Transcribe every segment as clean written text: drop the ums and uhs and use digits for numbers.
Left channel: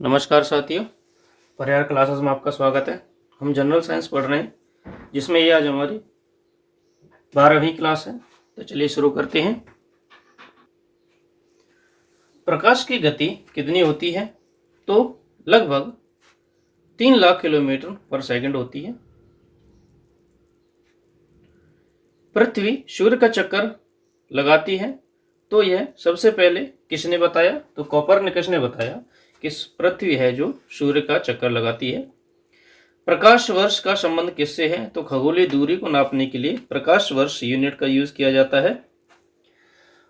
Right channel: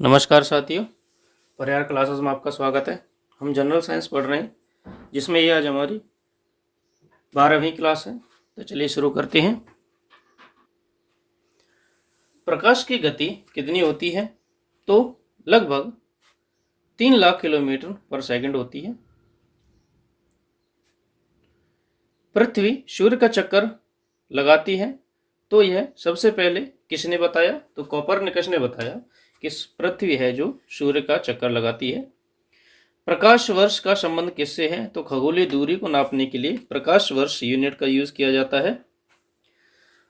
नमस्कार साथियों, परिहार क्लासेस में आपका स्वागत है। हम जनरल साइंस पढ़ रहे हैं, जिसमें ये आज हमारी 12वीं क्लास है। तो चलिए शुरू करते हैं। प्रकाश की गति कितनी होती है? तो लगभग 3 लाख किलोमीटर पर सेकंड होती है। पृथ्वी सूर्य का चक्कर लगाती है, तो यह सबसे पहले किसने बताया? तो कोपरनिकस ने बताया कि पृथ्वी है जो सूर्य का चक्कर लगाती है। प्रकाश वर्ष का संबंध किससे है? तो खगोलीय दूरी को नापने के लिए प्रकाश वर्ष यूनिट का यूज किया जाता है।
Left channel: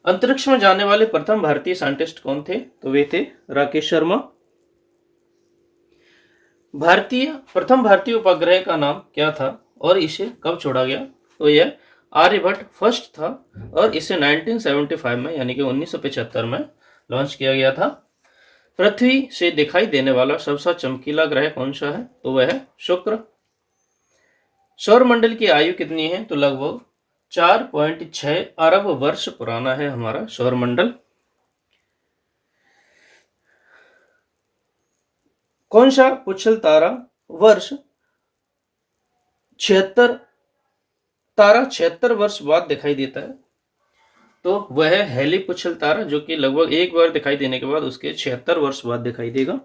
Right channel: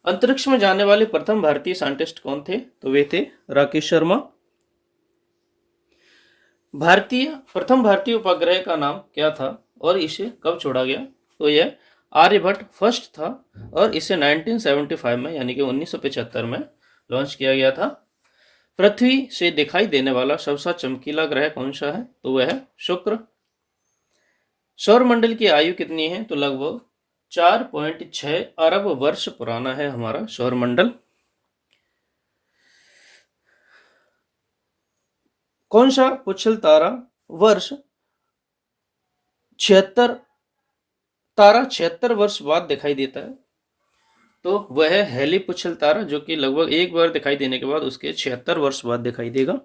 अंतरिक्ष में जाने वाले प्रथम भारतीय साइंटिस्ट कौन थे? तो वे थे राकेश शर्मा। प्रथम भारतीय उपग्रह का नाम क्या था और इसे कब छोड़ा गया? तो यह आर्यभट्ट फर्स्ट था और इसे 1975 में यानी कि 1975 में लॉन्च किया गया था। पृथ्वी से दिखाई देने वाला सबसे चमकीला ग्रह कौन सा है? तो वह है शुक्र। सौरमंडल की आयु कितनी है? तो लगभग 4.6 अरब वर्ष पुराना है हमारा सौरमंडल। कौन सा पुच्छल तारा वर्ष 76 वर्ष बाद दिखाई देता है? तो वह है हेली पुच्छल तारा, जो कि लगभग एक बार दिखाई देने के बाद उसके 76 वर्ष बाद दिखाई देगा।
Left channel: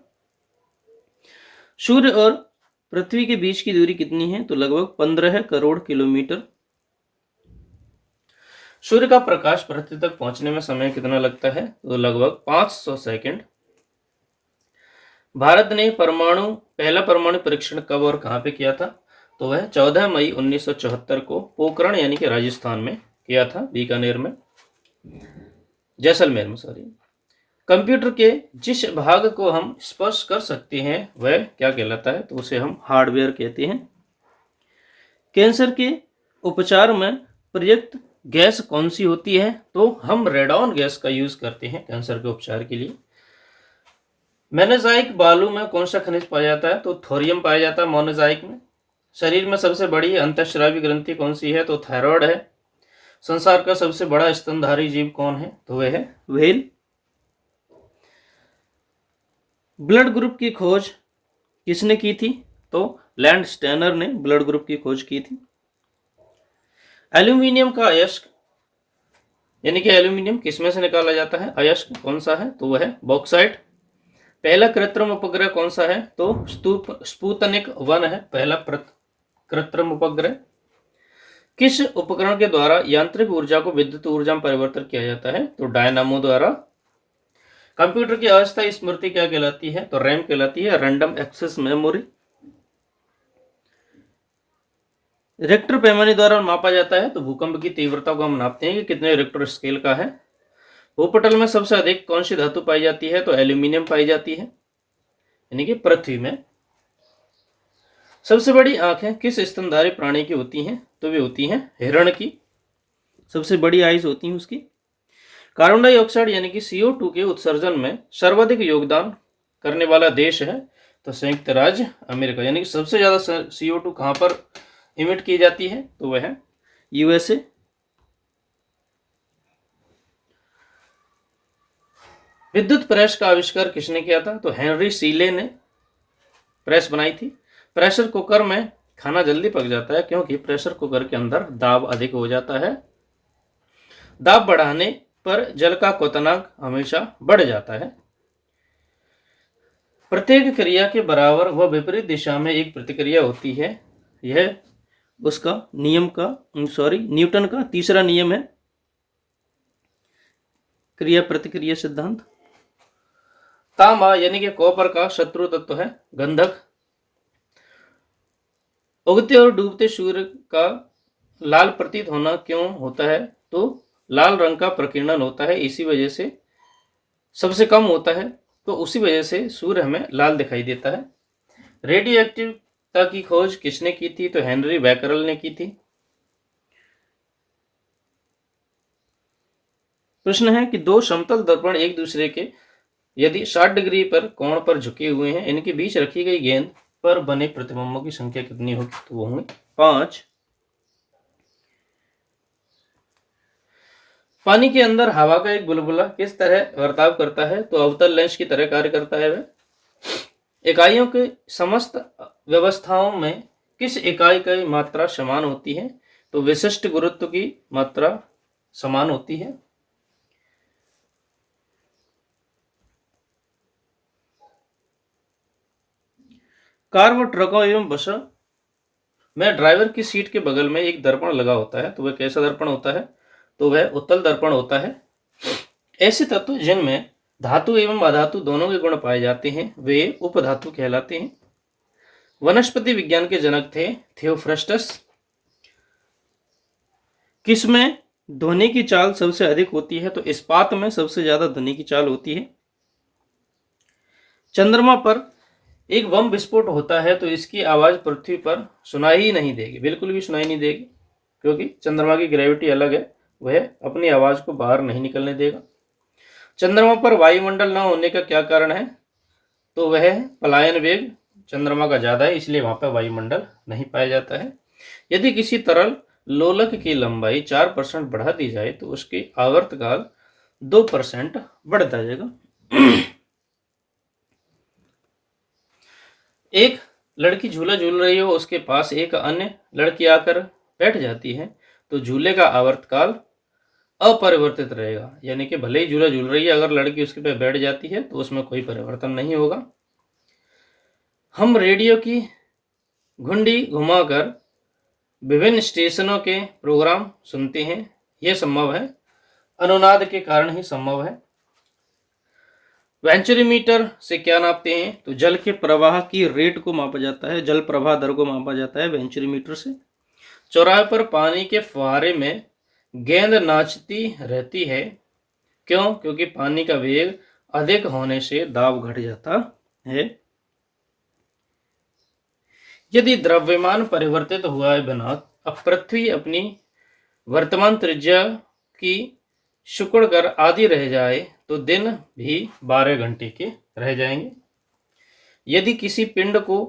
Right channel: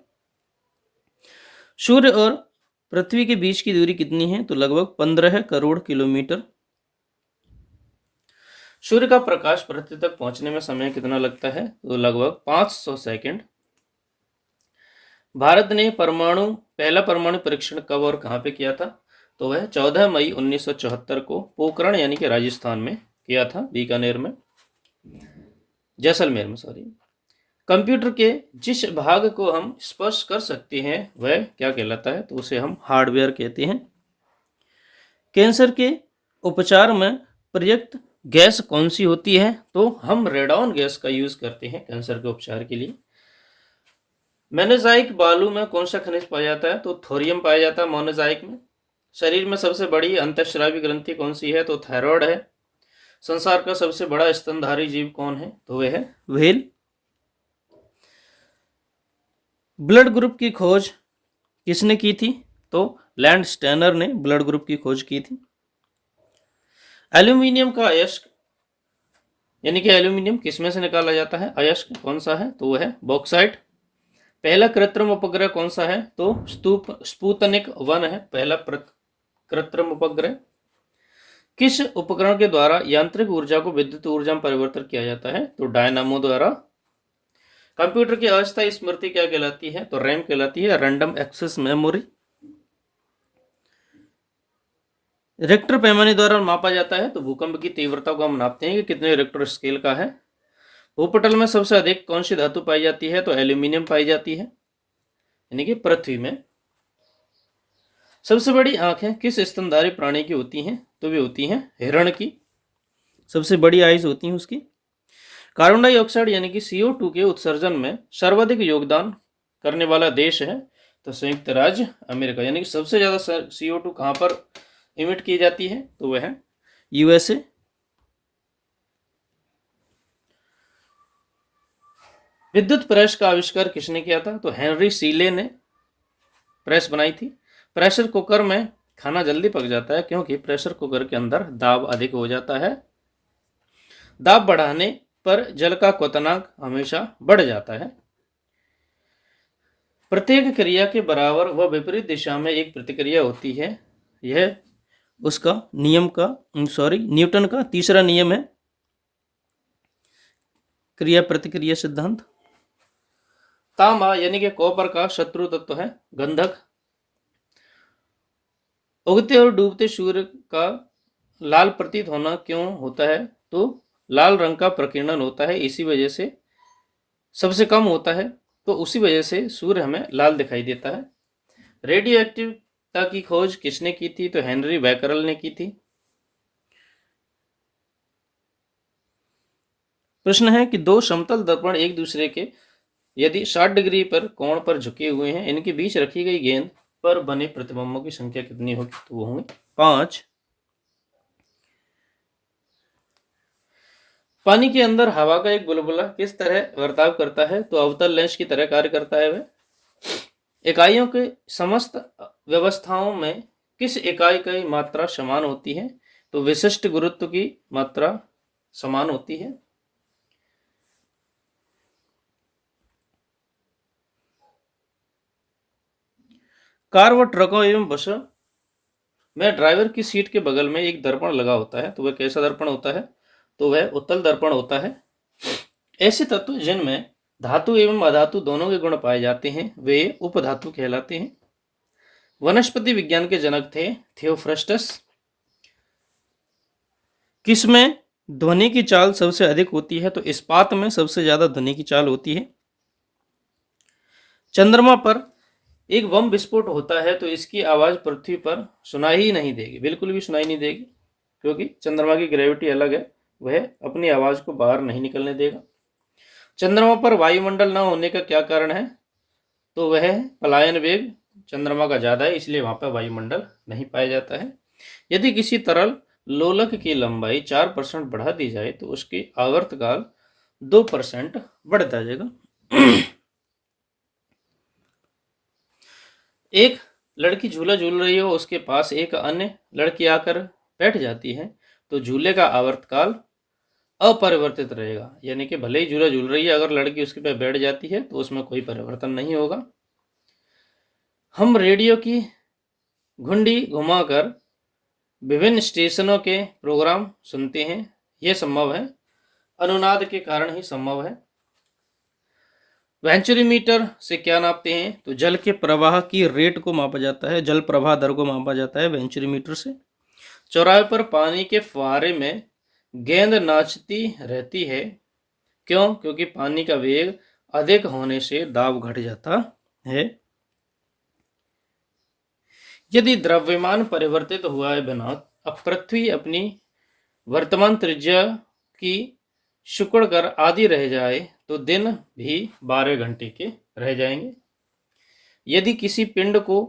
सूर्य और पृथ्वी के बीच की दूरी कितनी है? तो लगभग 15 करोड़ किलोमीटर। सूर्य का प्रकाश पृथ्वी तक पहुंचने में समय कितना लगता है? तो लगभग 500 सेकंड। भारत ने पहला परमाणु परीक्षण कब और कहां पे किया था? तो वह 14 मई 1974 को पोखरण यानी कि राजस्थान में किया था, बीकानेर में, जैसलमेर में सॉरी। कंप्यूटर के जिस भाग को हम स्पर्श कर सकते हैं वह क्या कहलाता है? तो उसे हम हार्डवेयर कहते हैं। कैंसर के उपचार में प्रयुक्त गैस कौन सी होती है? तो हम रेडॉन गैस का यूज करते हैं कैंसर के उपचार के लिए। मोनोजाइक बालू में कौन सा खनिज पाया जाता है? तो थोरियम पाया जाता है मोनोजाइक में। शरीर में सबसे बड़ी अंतःस्रावी ग्रंथि कौन सी है? तो थायराइड है। संसार का सबसे बड़ा स्तनधारी जीव कौन है? तो वह है व्हेल। ब्लड ग्रुप की खोज किसने की थी? तो लैंड स्टेनर ने ब्लड ग्रुप की खोज की थी। एल्यूमिनियम का अयस्क यानी कि एल्यूमिनियम किसमें से निकाला जाता है? अयस्क कौन सा है? तो वह है बॉक्साइट। पहला कृत्रिम उपग्रह कौन सा है? तो स्पुतनिक 1 है पहला कृत्रिम उपग्रह। किस उपकरण के द्वारा यांत्रिक ऊर्जा को विद्युत ऊर्जा में परिवर्तित किया जाता है? तो डायनामो द्वारा। कंप्यूटर की अस्थायी स्मृति क्या कहलाती है? तो रैम कहलाती है, रैंडम एक्सेस मेमोरी। रिक्टर पैमाने द्वारा मापा जाता है, तो भूकंप की तीव्रता को हम नापते हैं कि कितने रिक्टर स्केल का है। भूपटल में सबसे अधिक कौन सी धातु पाई जाती है? तो एल्यूमिनियम पाई जाती है, यानी कि पृथ्वी में। सबसे बड़ी आंखें किस स्तनधारी प्राणी की होती हैं? तो वे होती हैं हिरण की, सबसे बड़ी आइज होती हैं उसकी। कार्बन डाइऑक्साइड यानी कि CO2 के उत्सर्जन में सर्वाधिक योगदान करने वाला देश है तो संयुक्त राज्य अमेरिका, यानी कि सबसे ज्यादा CO2 कहां पर इमिट की जाती है? तो वह है USA। विद्युत प्रेस का आविष्कार किसने किया था? तो हेनरी सीले ने प्रेस बनाई थी। प्रेशर कुकर में खाना जल्दी पक जाता है क्योंकि प्रेशर कुकर के अंदर दाब अधिक हो जाता है। दाब बढ़ाने पर जल का क्वथनांक हमेशा बढ़ जाता है। प्रत्येक क्रिया के बराबर व विपरीत दिशा में एक प्रतिक्रिया होती है। यह उसका न्यूटन का तीसरा नियम है, क्रिया प्रतिक्रिया सिद्धांत। तांबा यानी कि कॉपर का शत्रु तत्व है गंधक। उगते और डूबते सूर्य का लाल प्रतीत होना क्यों होता है? तो लाल रंग का प्रकीर्णन होता है, इसी वजह से सबसे कम होता है, तो उसी वजह से सूर्य हमें लाल दिखाई देता है। रेडियो एक्टिवता की खोज किसने की थी? तो हेनरी बैकरल ने की थी। प्रश्न है कि दो समतल दर्पण एक दूसरे के यदि 60 डिग्री पर कोण पर झुके हुए हैं, इनके बीच रखी गई गेंद पर बने प्रतिबिंबों की संख्या कितनी होगी? तो वो होंगे 5। पानी के अंदर हवा का एक बुलबुला किस तरह बर्ताव करता है? तो अवतल लेंस की तरह कार्य करता है वह। इकाइयों के समस्त व्यवस्थाओं में किस इकाई की मात्रा समान होती है? तो विशिष्ट गुरुत्व की मात्रा समान होती है। कार व ट्रकों एवं बसों में ड्राइवर की सीट के बगल में एक दर्पण लगा होता है, तो वह कैसा दर्पण होता है? तो वह उत्तल दर्पण होता है। ऐसे तत्व जिनमें धातु एवं अधातु दोनों के गुण पाए जाते हैं वे उपधातु कहलाते हैं। वनस्पति विज्ञान के जनक थे थियोफ्रस्टस। किसमें ध्वनि की चाल सबसे अधिक होती है? तो इस्पात में सबसे ज्यादा ध्वनि की चाल होती है। चंद्रमा पर एक बम विस्फोट होता है तो इसकी आवाज पृथ्वी पर सुनाई ही नहीं देगी, बिल्कुल भी सुनाई नहीं देगी, क्योंकि चंद्रमा की ग्रेविटी अलग है, वह अपनी आवाज को बाहर नहीं निकलने देगा। चंद्रमा पर वायुमंडल न होने का क्या कारण है? तो वह पलायन वेग चंद्रमा का ज्यादा है, इसलिए वहां पर वायुमंडल नहीं पाया जाता है। यदि किसी तरल लोलक की लंबाई 4% बढ़ा दी जाए तो उसकी आवर्तकाल 2% बढ़ता जाएगा। एक लड़की झूला झूल रही हो, उसके पास एक अन्य लड़की आकर बैठ जाती है तो झूले का आवर्तकाल अपरिवर्तित रहेगा, यानी कि भले ही झूला झूल रही है, अगर लड़की उसके पे बैठ जाती है तो उसमें कोई परिवर्तन नहीं होगा। हम रेडियो की घुंडी घुमाकर विभिन्न स्टेशनों के प्रोग्राम सुनते हैं, यह संभव है, अनुनाद के कारण ही संभव है। वेंचुरीमीटर से क्या नापते हैं? तो जल के प्रवाह की रेट को मापा जाता है, जल प्रवाह दर को मापा जाता है वेंचुरीमीटर से। चौराहे पर पानी के फुहारे में गेंद नाचती रहती है, क्यों? क्योंकि पानी का वेग अधिक होने से दाब घट जाता है। यदि द्रव्यमान परिवर्तित हुआ है बिना अब पृथ्वी अपनी वर्तमान त्रिज्या की शुक्र कर आदि रह जाए तो दिन भी 12 घंटे के रह जाएंगे। यदि किसी पिंड को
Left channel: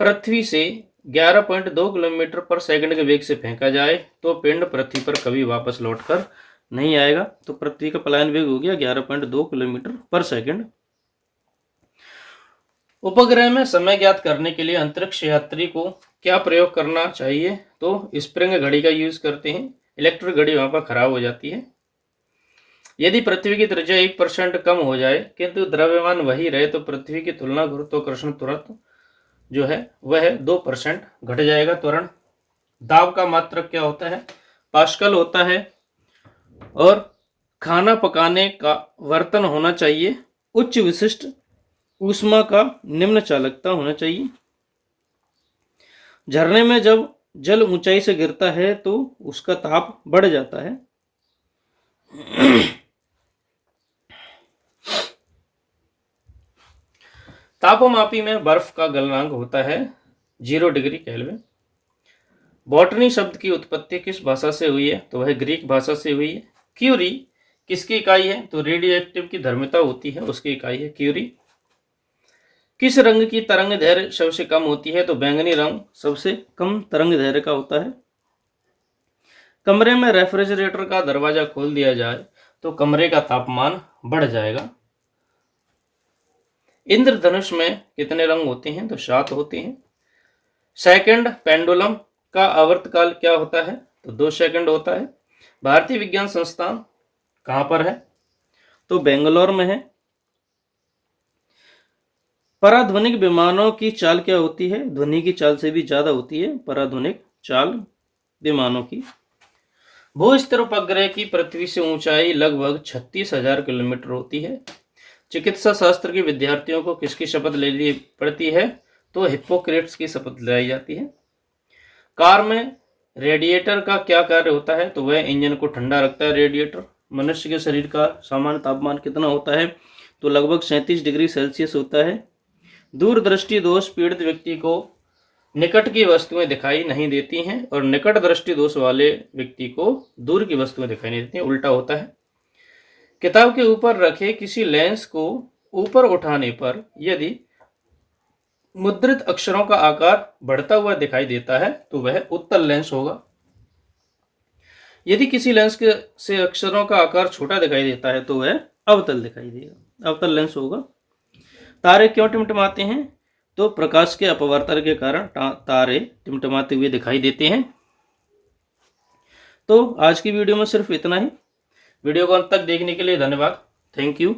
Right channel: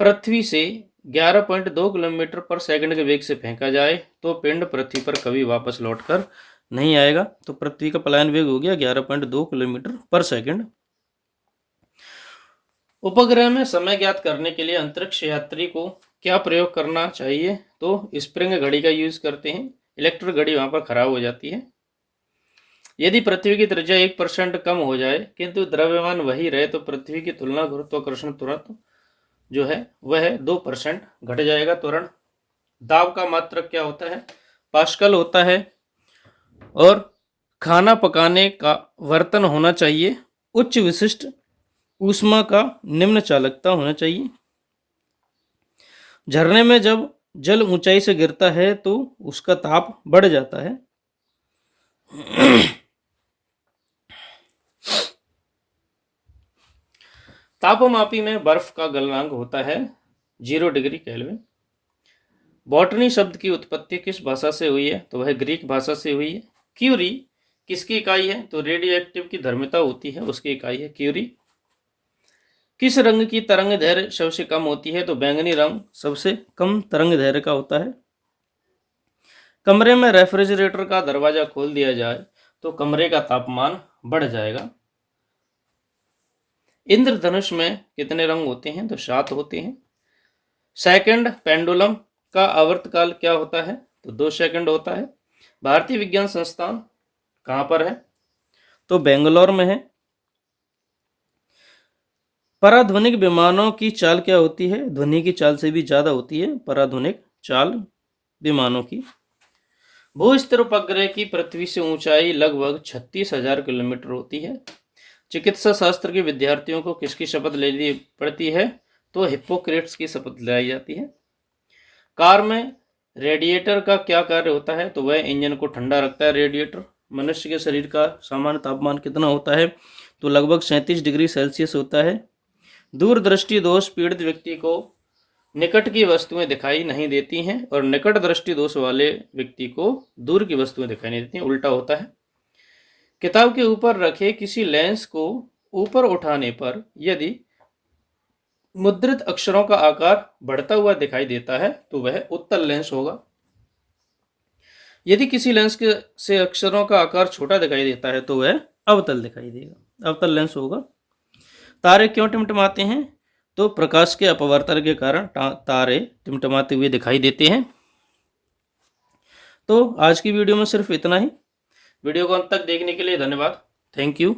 पृथ्वी से 11.2 किलोमीटर पर सेकंड के वेग से फेंका जाए तो पिंड पृथ्वी पर कभी वापस लौटकर नहीं आएगा। तो पृथ्वी का पलायन वेग हो गया 11.2 किलोमीटर पर सेकंड। उपग्रह में समय ज्ञात करने के लिए अंतरिक्ष यात्री को क्या प्रयोग करना चाहिए? तो स्प्रिंग घड़ी का यूज करते हैं, इलेक्ट्रिक घड़ी वहां पर खराब हो जाती है। यदि पृथ्वी की त्रिज्या 1% कम हो जाए किंतु द्रव्यमान वही रहे तो पृथ्वी की तुलना गुरुत्वाकर्षण तुरंत जो है वह 2% घट जाएगा। त्वरण दाब का मात्रक क्या होता है? पास्कल होता है। और खाना पकाने का बर्तन होना चाहिए उच्च विशिष्ट ऊष्मा का निम्न चालकता होना चाहिए। झरने में जब जल ऊंचाई से गिरता है तो उसका ताप बढ़ जाता है। तापमापी में बर्फ का गलनांक होता है 0 डिग्री केल्विन। बॉटनी शब्द की उत्पत्ति किस भाषा से हुई है? तो वह ग्रीक भाषा से हुई है। क्यूरी किसकी इकाई है? तो रेडियो एक्टिव की धर्मिता होती है, उसकी इकाई है क्यूरी। किस रंग की तरंग दैर्घ्य सबसे कम होती है? तो बैंगनी रंग सबसे कम तरंग दैर्घ्य का होता है। कमरे में रेफ्रिजरेटर का दरवाजा खोल दिया जाए तो कमरे का तापमान बढ़ जाएगा। इंद्रधनुष में कितने रंग होते हैं? तो 7 होते हैं। सेकंड पेंडुलम का आवर्तकाल क्या होता है? तो 2 सेकंड होता है। भारतीय विज्ञान संस्थान कहां पर है? तो बेंगलोर में है। पराध्वनिक विमानों की चाल क्या होती है? ध्वनि की चाल से भी ज्यादा होती है पराध्वनिक चाल विमानों की। भूस्तर उपग्रह की पृथ्वी से ऊंचाई लगभग 36,000 किलोमीटर होती है। चिकित्सा शास्त्र के विद्यार्थियों को किसकी शपथ लेनी पड़ती है? तो हिप्पोक्रेट्स की शपथ लाई जाती है। कार में रेडिएटर का क्या कार्य होता है? तो वह इंजन को ठंडा रखता है रेडिएटर। मनुष्य के शरीर का सामान्य तापमान कितना होता है? तो लगभग 37 डिग्री सेल्सियस होता है। दूरदृष्टि दोष पीड़ित व्यक्ति को निकट की वस्तुएं दिखाई नहीं देती हैं और निकट दृष्टि दोष वाले व्यक्ति को दूर की वस्तुएं दिखाई नहीं देती हैं, उल्टा होता है। किताब के ऊपर रखे किसी लेंस को ऊपर उठाने पर यदि मुद्रित अक्षरों का आकार बढ़ता हुआ दिखाई देता है तो वह उत्तल लेंस होगा। यदि किसी लेंस के से अक्षरों का आकार छोटा दिखाई देता है तो वह अवतल दिखाई देगा, अवतल लेंस होगा। तारे क्यों टिमटिमाते हैं? तो प्रकाश के अपवर्तन के कारण तारे टिमटिमाते हुए दिखाई देते हैं। तो आज की वीडियो में सिर्फ इतना ही। वीडियो को अंत तक देखने के लिए धन्यवाद। Thank you.